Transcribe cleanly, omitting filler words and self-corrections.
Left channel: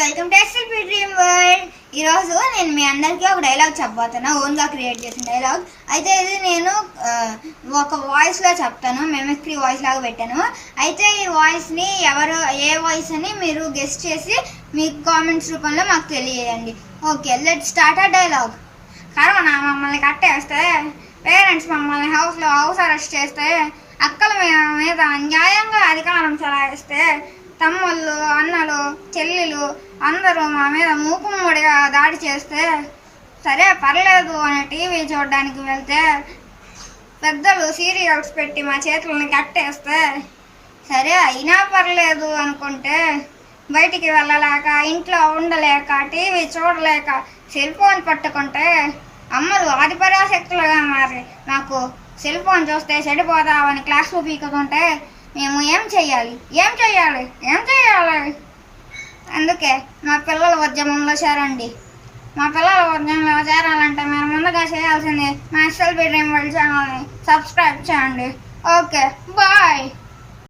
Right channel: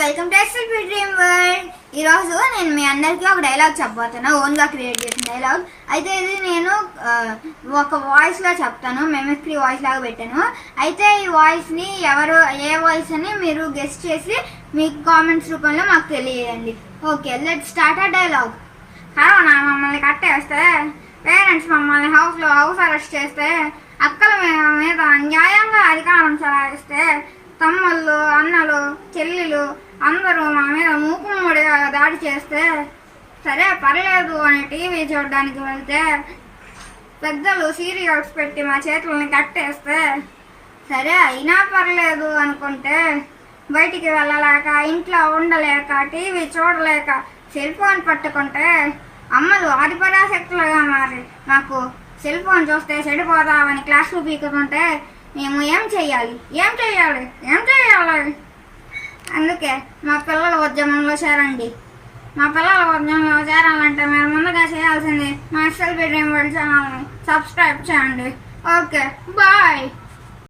Welcome to SLP dream world. ఈరోజు నేను మీ అందరికీ ఒక డైలాగ్ చెప్పబోతున్నా, ఓన్గా క్రియేట్ చేసిన డైలాగ్. అయితే ఇది నేను ఒక వాయిస్లో చెప్తాను, మెమిక్రీ వాయిస్ లాగా పెట్టాను. అయితే ఈ వాయిస్ని ఎవరు ఏ వాయిస్ అని మీరు గెస్ట్ చేసి మీ కామెంట్స్ రూపంలో మాకు తెలియజేయండి. ఓకే, లెట్ స్టార్ట్ ఆ డైలాగ్. కరోనా మమ్మల్ని కట్టేస్తే, పేరెంట్స్ మమ్మల్ని హౌస్ అరెస్ట్ చేస్తే, అక్కల మీద న్యాయంగా అధికారం చలాయిస్తే, తమ్ముళ్ళు అన్నలు చెల్లెలు అందరూ మా మీద మూకుమ్మడిగా దాడి చేస్తే, సరే పర్లేదు అని టీవీ చూడడానికి వెళ్తే, పెద్దలు సీరియల్స్ పెట్టి మా చేతులని కట్టేస్తే, సరే అయినా పర్లేదు అనుకుంటే, బయటికి వెళ్ళలేక ఇంట్లో ఉండలేక టీవీ చూడలేక సెల్ ఫోన్ పట్టుకుంటే, అమ్మలు ఆదిపరాశక్తులుగా మారి నాకు సెల్ ఫోన్ చూస్తే చెడిపోదామని క్లాసులు పీకుతుంటే, మేము ఏం చెయ్యాలి? అందుకే మా పిల్లల ఉద్యమంలో చేరండి. మా పిల్లల ఉద్యమంలో చేరాలంటే మీరు ముందుగా చేయాల్సింది మా ఎస్ఎల్పి డ్రీమ్ వరల్డ్ ఛానల్ని సబ్స్క్రైబ్ చేయండి. Okay, bye.